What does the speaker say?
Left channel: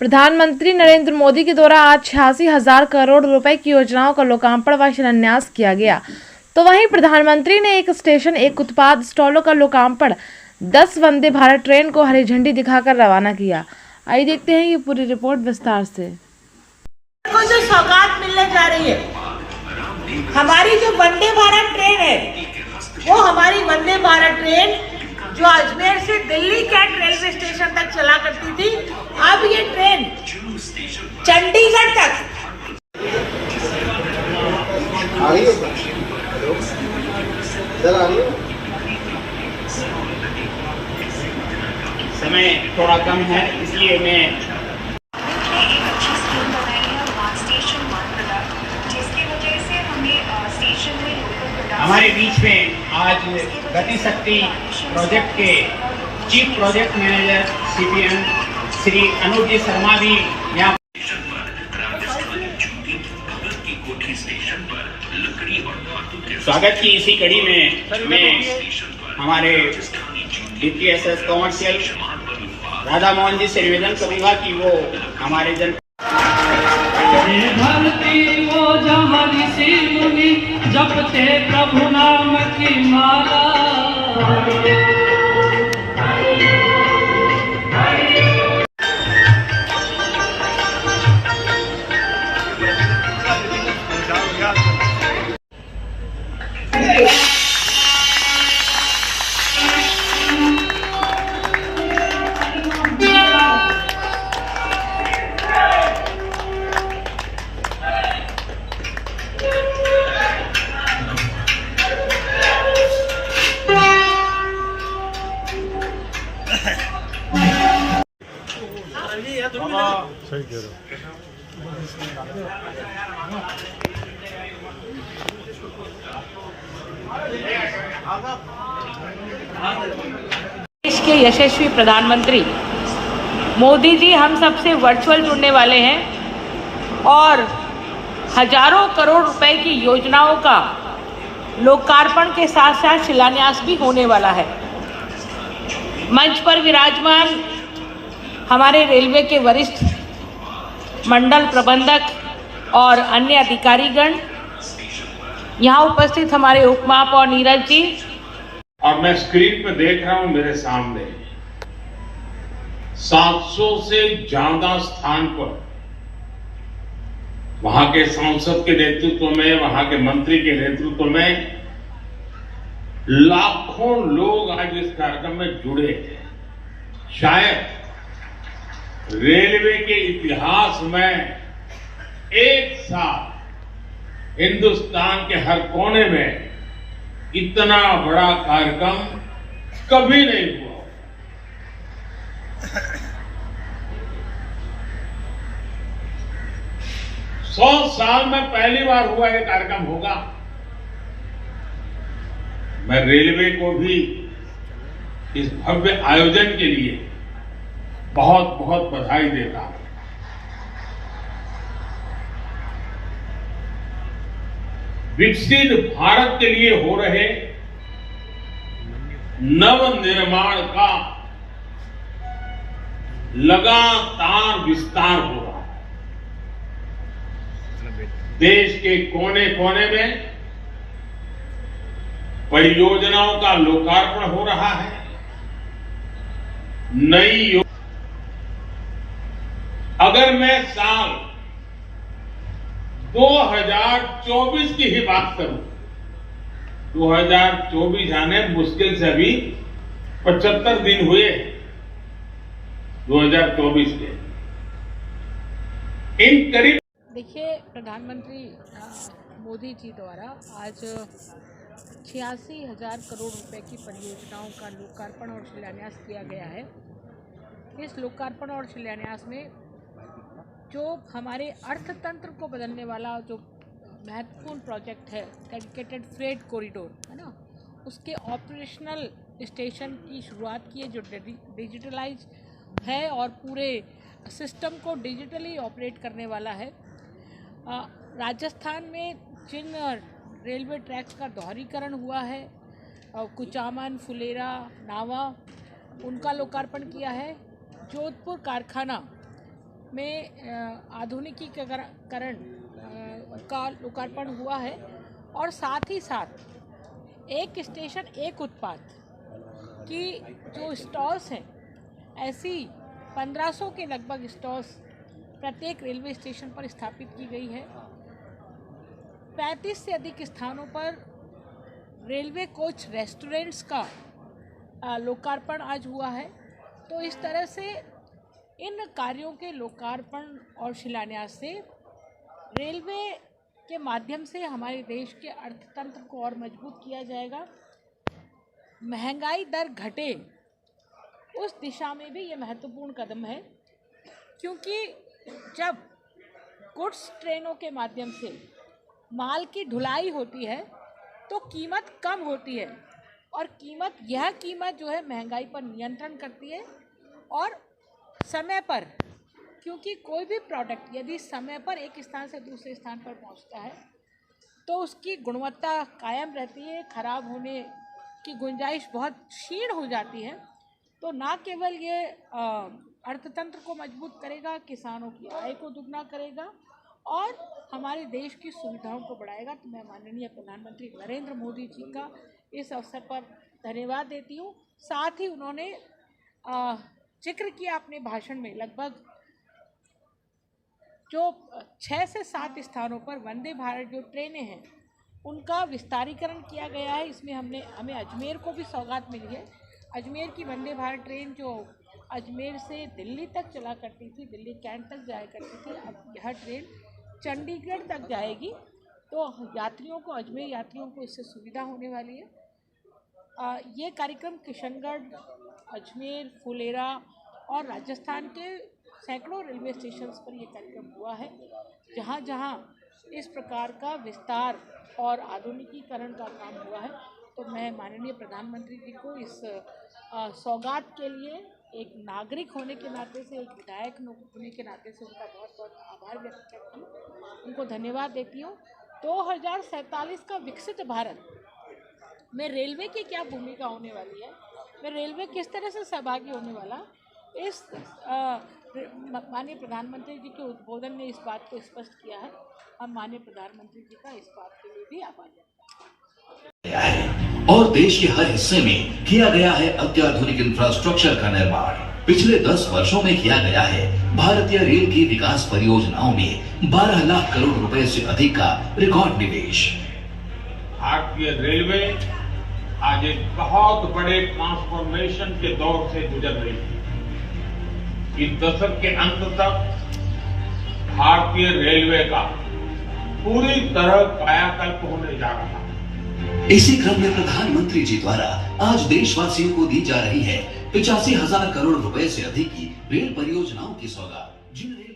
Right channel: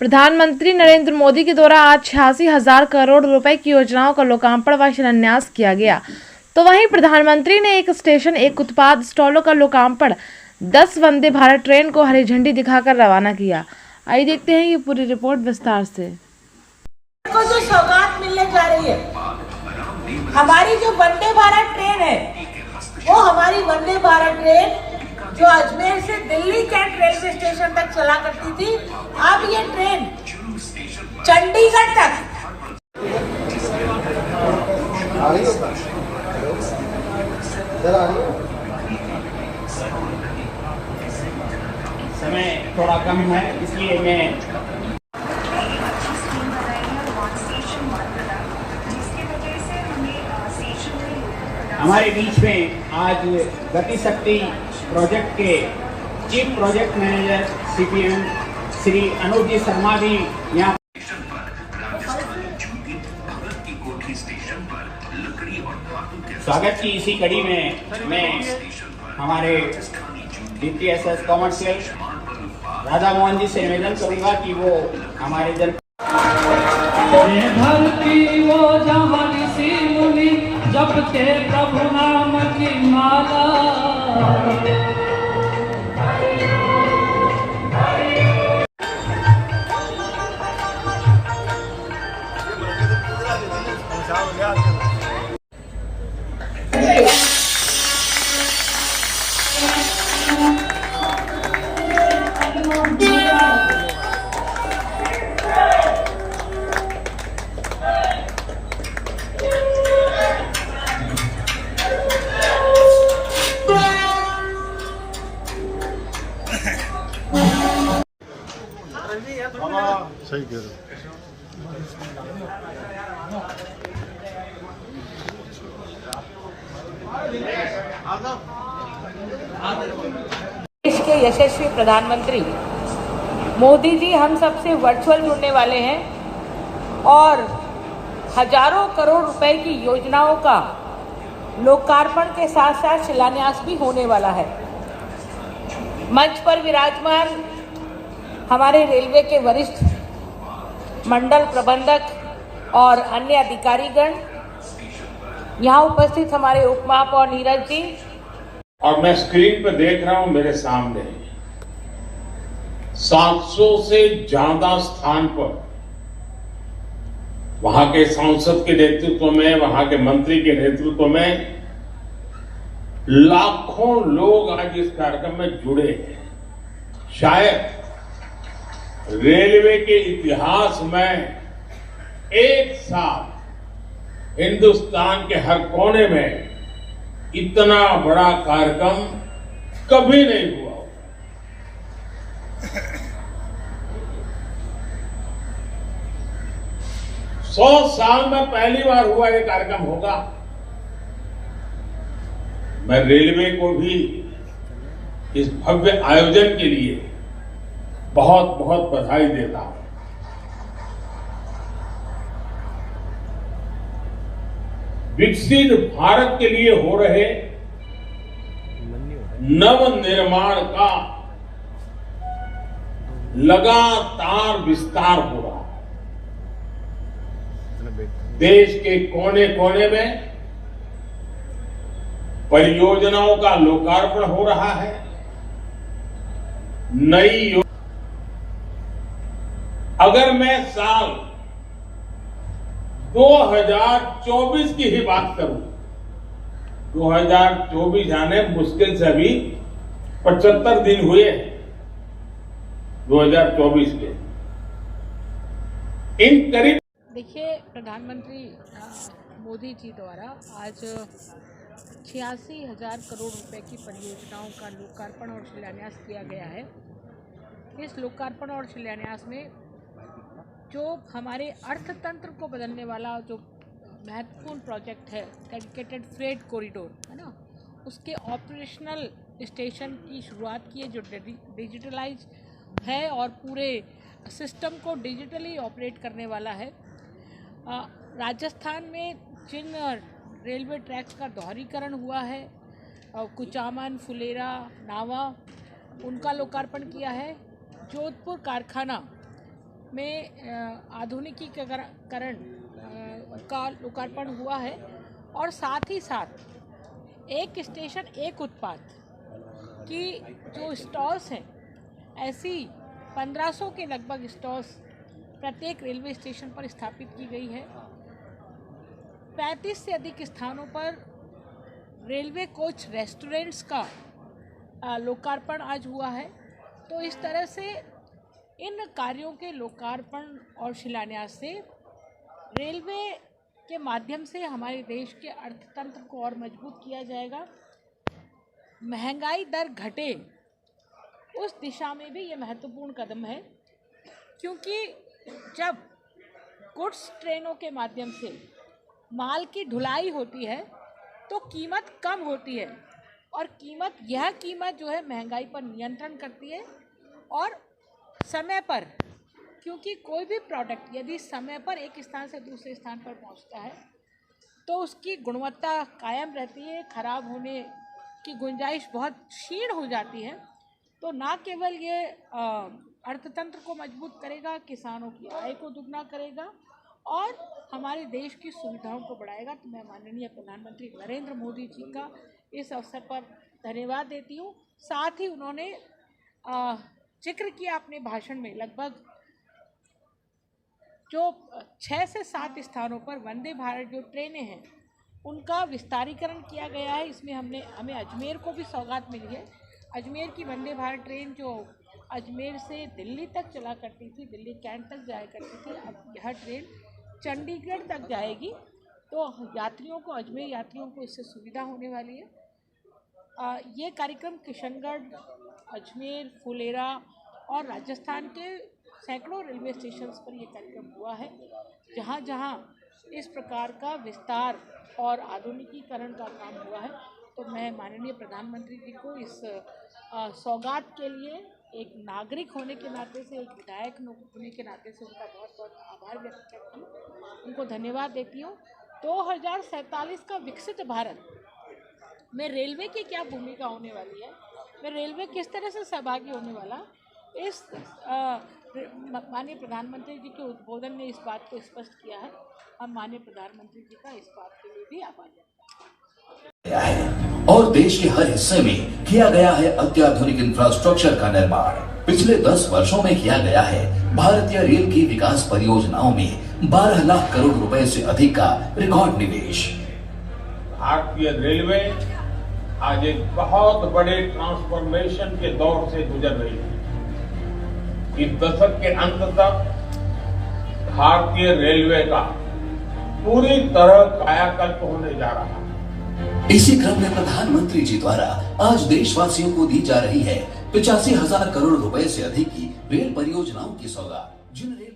प्रधानमंत्री नरेंद्र मोदी के द्वारा आज 86,000 करोड़ रुपए की योजनाओं का लोकार्पण व शिलान्यास किया गया। तो वहीं प्रधानमंत्री ने एक स्टेशन एक उत्पाद स्टॉलों का लोकार्पण 10 वंदे भारत ट्रेन को हरी झंडी दिखाकर रवाना किया। आइए देखते हैं ये पूरी रिपोर्ट विस्तार से। को जो सौगात मिलने जा रही है, हमारी जो वंदे भारत ट्रेन है, वो हमारी वंदे भारत ट्रेन जो अजमेर से दिल्ली कैंट रेलवे स्टेशन तक चला करती थी, अब ये ट्रेन चंडीगढ़ तक समय थोड़ा कम है, इसलिए मैं हमारे बीच में आज गति शक्ति प्रोजेक्ट के chief project manager CPM Shri Anuj ji Sharma भी यहाँ स्वागत की इसी कड़ी में मैं हमारे डीपीएसएस कॉमर्शियल राधा मोहन जी से निवेदन करूंगा कि वो हमारे जन जपते प्रभु नाम की माला। देश के यशस्वी प्रधानमंत्री मोदी जी हम सबसे वर्चुअल जुड़ने वाले हैं और हजारों करोड़ रुपए की योजनाओं का लोकार्पण के साथ साथ शिलान्यास भी होने वाला है। मंच पर विराजमान हमारे रेलवे के वरिष्ठ मंडल प्रबंधक और अन्य अधिकारीगण, यहाँ उपस्थित हमारे उपमहापौर नीरज जी, और मैं स्क्रीन पर देख रहा हूं मेरे सामने 700 से ज्यादा स्थान पर वहां के सांसद के नेतृत्व में, वहां के मंत्री के नेतृत्व में लाखों लोग आज इस कार्यक्रम में जुड़े हैं। शायद रेलवे के इतिहास में एक साथ हिंदुस्तान के हर कोने में इतना बड़ा कार्यक्रम कभी नहीं हुआ। 100 साल में पहली बार हुआ ये कार्यक्रम होगा। मैं रेलवे को भी इस भव्य आयोजन के लिए बहुत बहुत बधाई देता हूं। विकसित भारत के लिए हो रहे नव निर्माण का लगातार विस्तार हो रहा है। देश के कोने कोने में परियोजनाओं का लोकार्पण हो रहा है। नई अगर मैं साल 2024 की ही बात करूं, 2024 आने मुश्किल से अभी 75 दिन हुए 2024 के। इन करीब देखिए, प्रधानमंत्री मोदी जी द्वारा आज 86,000 करोड़ रुपए की परियोजनाओं का लोकार्पण और शिलान्यास किया गया है। इस लोकार्पण और शिलान्यास में जो हमारे अर्थतंत्र को बदलने वाला जो महत्वपूर्ण प्रोजेक्ट है, डेडिकेटेड फ्रेट कॉरिडोर है ना, उसके ऑपरेशनल स्टेशन की शुरुआत की है, जो डिजिटलाइज है और पूरे सिस्टम को डिजिटली ऑपरेट करने वाला है। राजस्थान में जिन रेलवे ट्रैक्स का दोहरीकरण हुआ है, कुचामन, फुलेरा, नावा, उनका लोकार्पण किया है। जोधपुर कारखाना में आधुनिकीकरण का लोकार्पण हुआ है और साथ ही साथ एक स्टेशन एक उत्पाद की जो स्टॉल्स हैं, ऐसी 1500 के लगभग स्टॉल्स प्रत्येक रेलवे स्टेशन पर स्थापित की गई है। 35 से अधिक स्थानों पर रेलवे कोच रेस्टोरेंट्स का लोकार्पण आज हुआ है। तो इस तरह से इन कार्यों के लोकार्पण और शिलान्यास से रेलवे के माध्यम से हमारे देश के अर्थतंत्र को और मजबूत किया जाएगा। महंगाई दर घटे, उस दिशा में भी ये महत्वपूर्ण कदम है, क्योंकि जब गुड्स ट्रेनों के माध्यम से माल की ढुलाई होती है तो कीमत कम होती है और यह कीमत जो है महंगाई पर नियंत्रण करती है। और समय पर, क्योंकि कोई भी प्रोडक्ट यदि समय पर एक स्थान से दूसरे स्थान पर पहुंचता है तो उसकी गुणवत्ता कायम रहती है, खराब होने की गुंजाइश बहुत क्षीण हो जाती है। तो ना केवल ये अर्थतंत्र को मजबूत करेगा, किसानों की आय को दुगना करेगा और हमारे देश की सुविधाओं को बढ़ाएगा। तो मैं माननीय प्रधानमंत्री नरेंद्र मोदी जी का इस अवसर पर धन्यवाद देती हूँ। साथ ही उन्होंने जिक्र किया अपने भाषण में, लगभग जो 6 से 7 स्थानों पर वंदे भारत जो ट्रेनें हैं उनका विस्तारीकरण किया गया है। इसमें हमें अजमेर को भी सौगात मिली है। अजमेर की वंदे भारत ट्रेन जो अजमेर से दिल्ली तक चला करती थी, दिल्ली कैंट तक जाया करती थी, अब यह ट्रेन चंडीगढ़ तक जाएगी। तो यात्रियों को, अजमेर यात्रियों को इससे सुविधा होने वाली है। ये कार्यक्रम किशनगढ़, अजमेर, फुलेरा और राजस्थान के सैकड़ों रेलवे स्टेशंस पर यह कार्यक्रम हुआ है, जहाँ जहाँ इस प्रकार का विस्तार और आधुनिकीकरण का काम हुआ है। तो मैं माननीय प्रधानमंत्री जी को इस सौगात के लिए एक नागरिक होने के नाते से, एक विधायक होने के नाते से उनका बहुत बहुत आभार व्यक्त करती हूँ, उनको धन्यवाद देती हूँ। 2047 का विकसित भारत में रेलवे की क्या भूमिका होने वाली है, में रेलवे किस तरह से सहभागी होने वाला, इस माननीय प्रधानमंत्री जी के उद्बोधन ने इस बात को स्पष्ट किया है। हम माननीय प्रधानमंत्री जी का इस बात के लिए भी आभार व्यक्त करते हैं। और देश के हर हिस्से में किया गया है अत्याधुनिक इंफ्रास्ट्रक्चर का निर्माण। पिछले 10 वर्षों में किया गया है भारतीय रेल की विकास परियोजनाओं में 12 लाख करोड़ रुपए से अधिक का रिकॉर्ड निवेश। भारतीय रेलवे आज एक बहुत बड़े ट्रांसफॉर्मेशन के दौर से गुजर रही है। इस दशक के अंत तक भारतीय रेलवे का पूरी तरह कायाकल्प होने जा रहा है। इसी क्रम में प्रधानमंत्री जी द्वारा आज देशवासियों को दी जा रही है 85,000 करोड़ रुपए से अधिक की रेल परियोजनाओं की सौगात। जिन रेल